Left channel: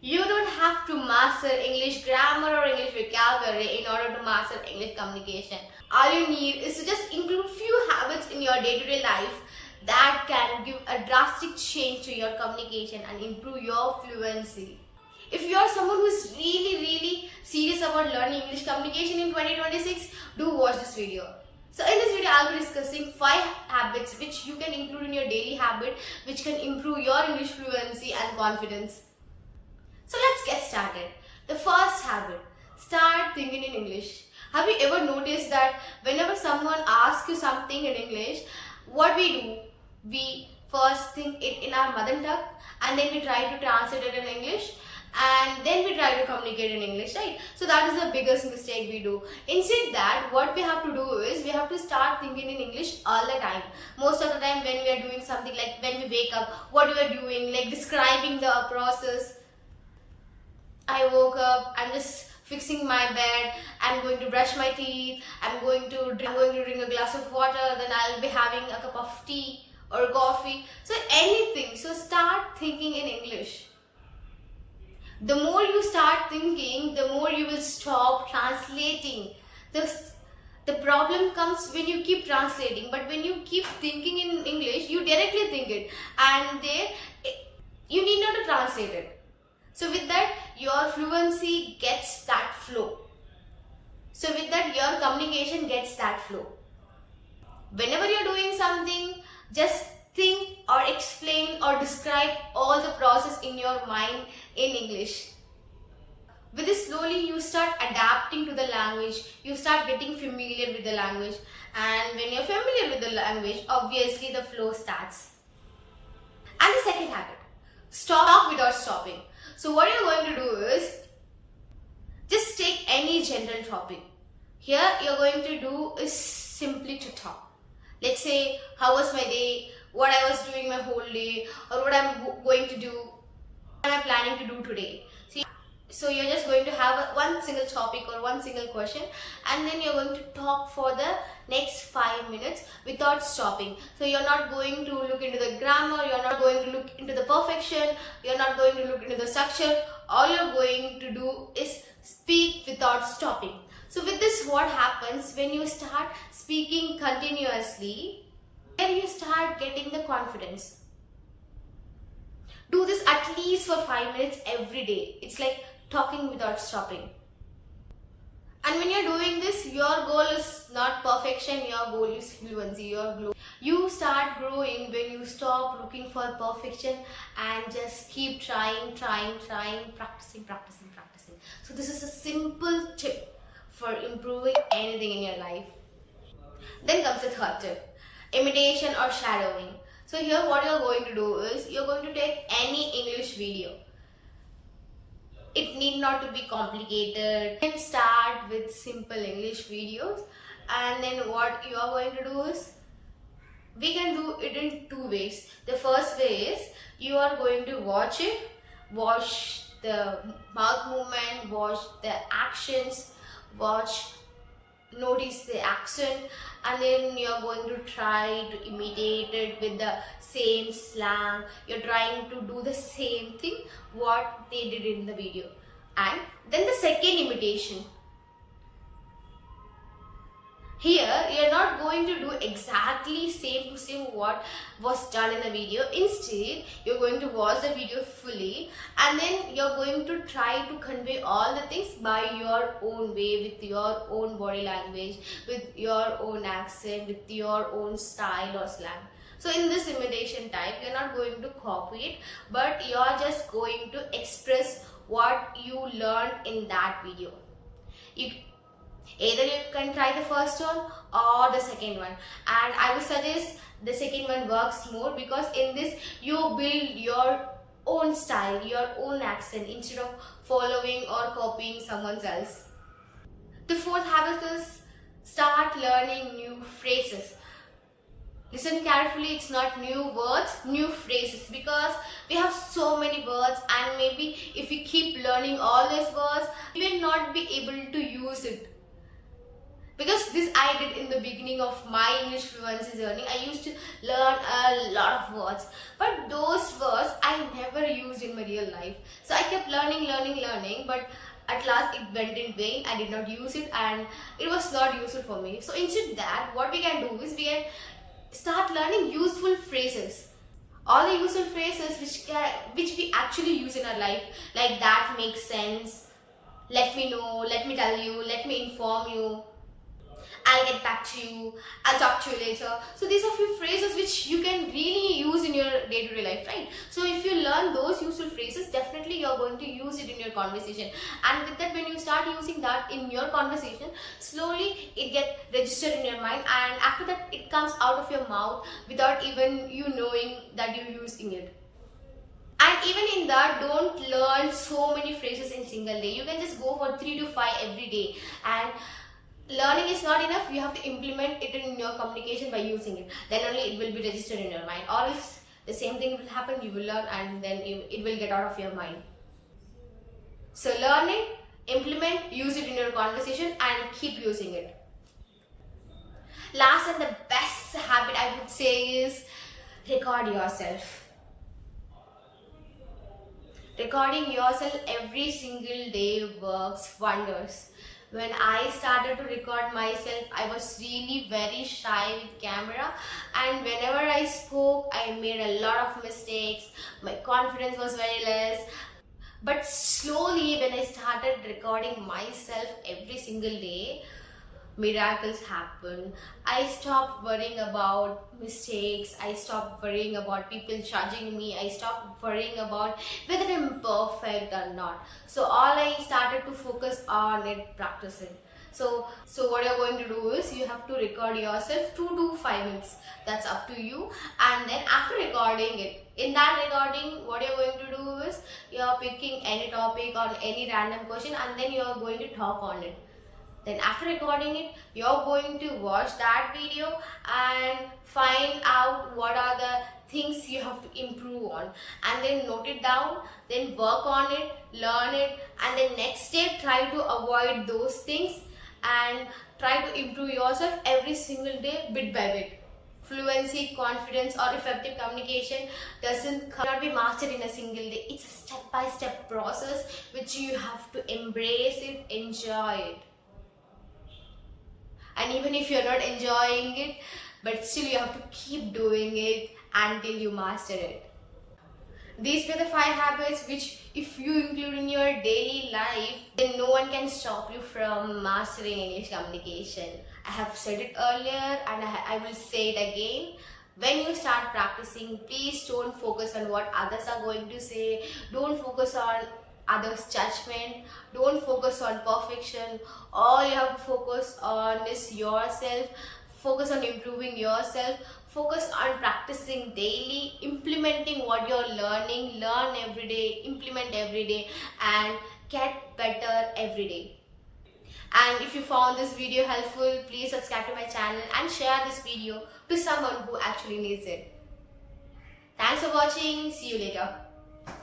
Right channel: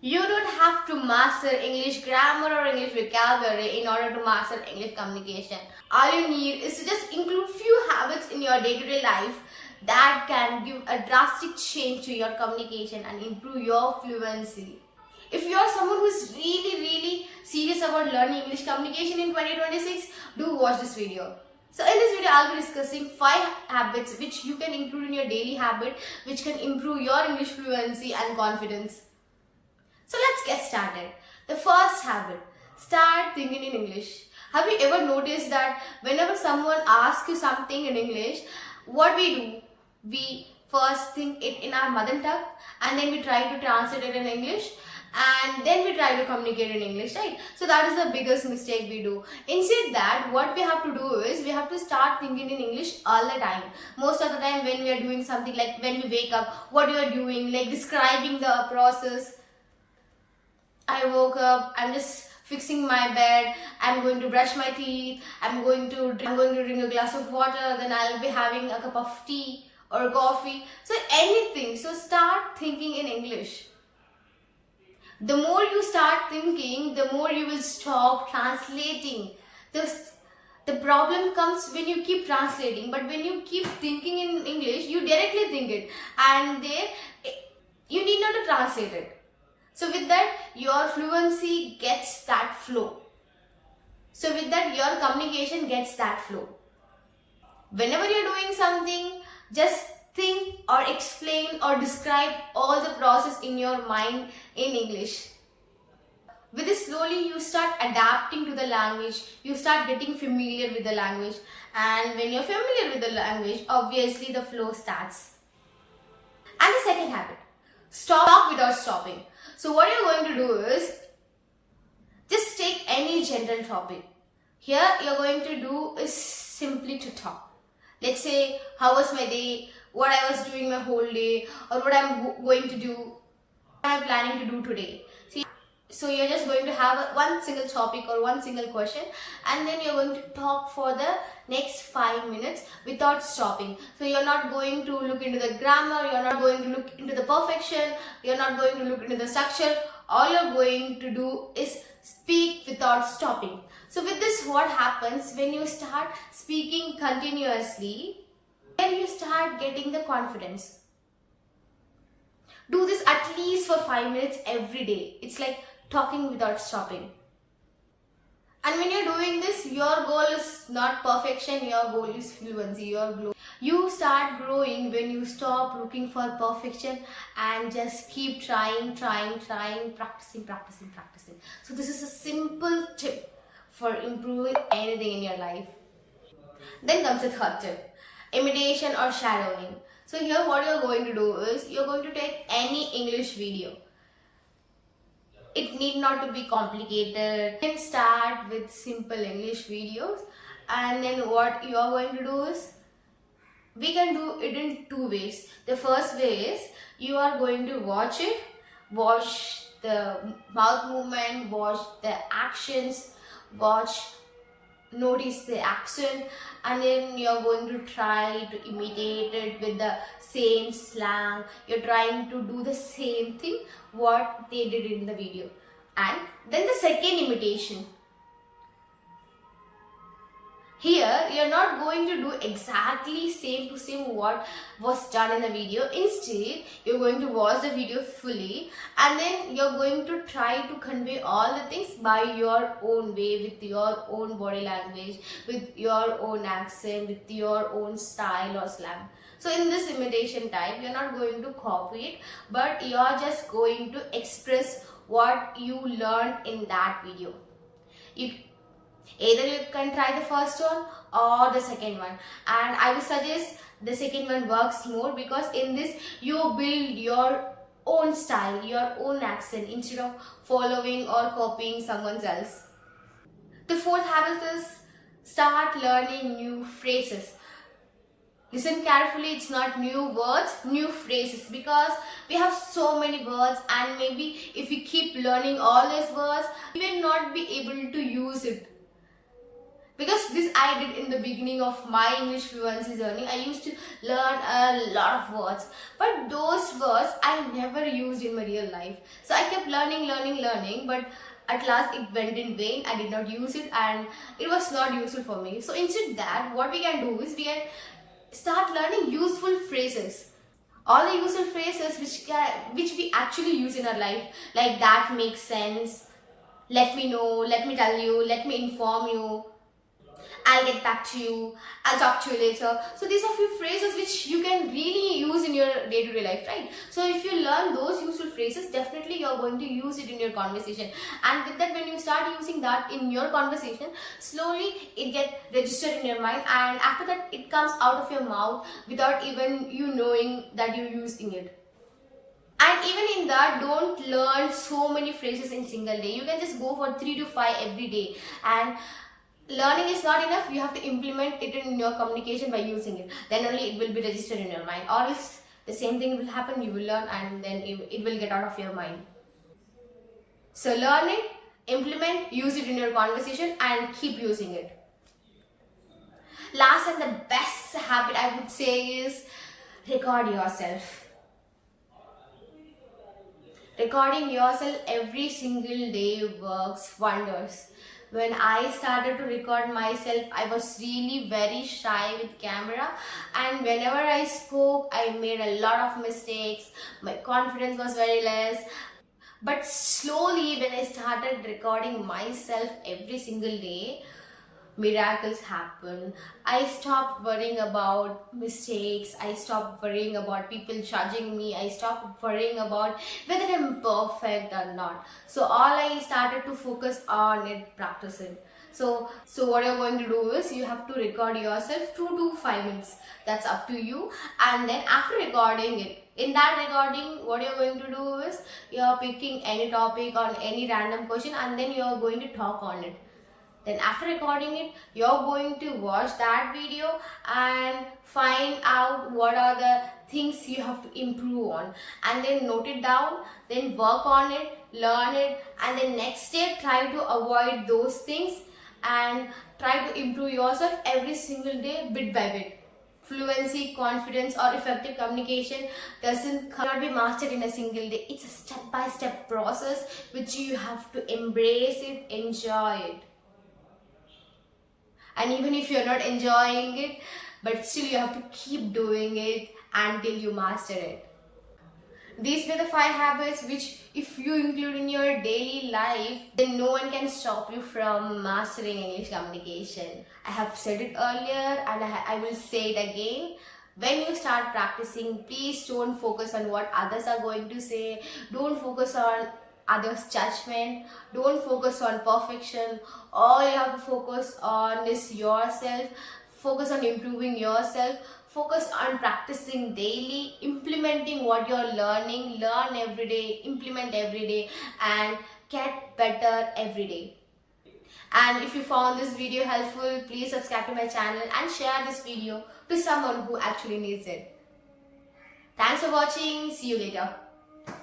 You don't have to master English grammar or English vocabulary in order to master English communication. All you need is to just include few habits in your day-to-day life that can give a drastic change to your communication and improve your fluency. If you are someone who is really serious about learning English communication in 2026, do watch this video. So in this video, I'll be discussing 5 habits which you can include in your daily habit which can improve your English fluency and confidence. So let's get started. The first habit, start thinking in English. Have you ever noticed that whenever someone asks you something in English, what we do? We first think it in our mother tongue and then we try to translate it in English and then we try to communicate in English, right? So that is the biggest mistake we do. Instead that, what we have to do is we have to start thinking in English all the time. Most of the time when we are doing something, like when we wake up, what you are doing, like describing the process. I woke up, I'm just fixing my bed, I'm going to brush my teeth, I'm going to drink a glass of water, then I'll be having a cup of tea or coffee. So anything. So start thinking in English. The more you start thinking, the more you will stop translating. The problem comes when you keep translating, but when you keep thinking in English, you directly think it and you need not to translate it. So with that, your fluency gets that flow. So with that, your communication gets that flow. Whenever you're doing something, just think or explain or describe all the process in your mind in English. With this, slowly you start adapting to the language, you start getting familiar with the language, and when you're familiar with the language, obviously the flow starts. And the second habit, stop without stopping. So what you're going to do is just take any general topic. Here you're going to do is simply to talk. Let's say, how was my day, what I was doing my whole day, or what I'm going to do, what am I planning to do today. So you're just going to have one single topic or one single question, and then you're going to talk for the next 5 minutes without stopping. So you're not going to look into the grammar, you're not going to look into the perfection, you're not going to look into the structure. All you're going to do is speak without stopping. So with this, what happens when you start speaking continuously, then you start getting the confidence. Do this at least for 5 minutes every day. It's like talking without stopping. And when you're doing this, your goal is not perfection, your goal is fluency, You start growing when you stop looking for perfection and just keep trying, practicing. So this is a simple tip for improving anything in your life. Then comes the third tip, imitation or shadowing. So here what you're going to do is, you're going to take any English video. It need not to be complicated. You can start with simple English videos, and then what you are going to do is, we can do it in 2 ways. The first way is, you are going to watch it, watch the mouth movement, watch the actions, notice the accent, and then you're going to try to imitate it with the same slang. You're trying to do the same thing what they did in the video. And then the second imitation, here you're not going to do exactly same to same what was done in the video. Instead, you're going to watch the video fully, and then you're going to try to convey all the things by your own way, with your own body language, with your own accent, with your own style or slang. So in this imitation type, you're not going to copy it, but you're just going to express what you learned in that video. Either you can try the first one or the second one, and I would suggest the second one works more, because in this you build your own style, your own accent, instead of following or copying someone else. The fourth habit is, start learning new phrases. Listen carefully, it's not new words, new phrases, because we have so many words, and maybe if we keep learning all these words, we will not be able to use it. Because this I did in the beginning of my English fluency journey. I used to learn a lot of words, but those words I never used in my real life. So I kept learning, but at last it went in vain. I did not use it and it was not useful for me. So instead that, what we can do is we can start learning useful phrases. All the useful phrases which we actually use in our life, like that makes sense, let me know, let me tell you, let me inform you, I'll get back to you, I'll talk to you later. So these are few phrases which you can really use in your day-to-day life, right? So if you learn those useful phrases, definitely you're going to use it in your conversation. And with that, when you start using that in your conversation, slowly it gets registered in your mind, and after that it comes out of your mouth without even you knowing that you're using it. And even in that, don't learn so many phrases in single day. You can just go for 3 to 5 every day. And learning is not enough. You have to implement it in your communication by using it. Then only it will be registered in your mind. Or else the same thing will happen. You will learn and then it will get out of your mind. So learn it, implement, use it in your conversation and keep using it. Last and the best habit I would say is record yourself. Recording yourself every single day works wonders. When I started to record myself, I was really very shy with camera, and whenever I spoke, I made a lot of mistakes. My confidence was very less. But slowly, when I started recording myself every single day, miracles happen. I stopped worrying about mistakes. I stopped worrying about people judging me. I stopped worrying about whether I'm perfect or not. So all I started to focus on it, practicing. So what you're going to do is you have to record yourself 2 to 5 minutes. That's up to you. And then after recording it, in that recording, what you're going to do is you're picking any topic on any random question and then you're going to talk on it. Then after recording it, you're going to watch that video and find out what are the things you have to improve on, and then note it down, then work on it, learn it, and then next step try to avoid those things and try to improve yourself every single day, bit by bit. Fluency, confidence or effective communication cannot be mastered in a single day. It's a step-by-step process which you have to embrace it, enjoy it. And even if you're not enjoying it, but still you have to keep doing it until you master it. These were the 5 habits which if you include in your daily life, then no one can stop you from mastering English communication. I have said it earlier and I will say it again. When you start practicing, please don't focus on what others are going to say. Don't focus on others' judgment. Don't focus on perfection. All you have to focus on is yourself. Focus on improving yourself. Focus on practicing daily, implementing what you're learning. Learn every day, implement every day, and get better every day. And if you found this video helpful, please subscribe to my channel and share this video to someone who actually needs it. Thanks for watching. See you later.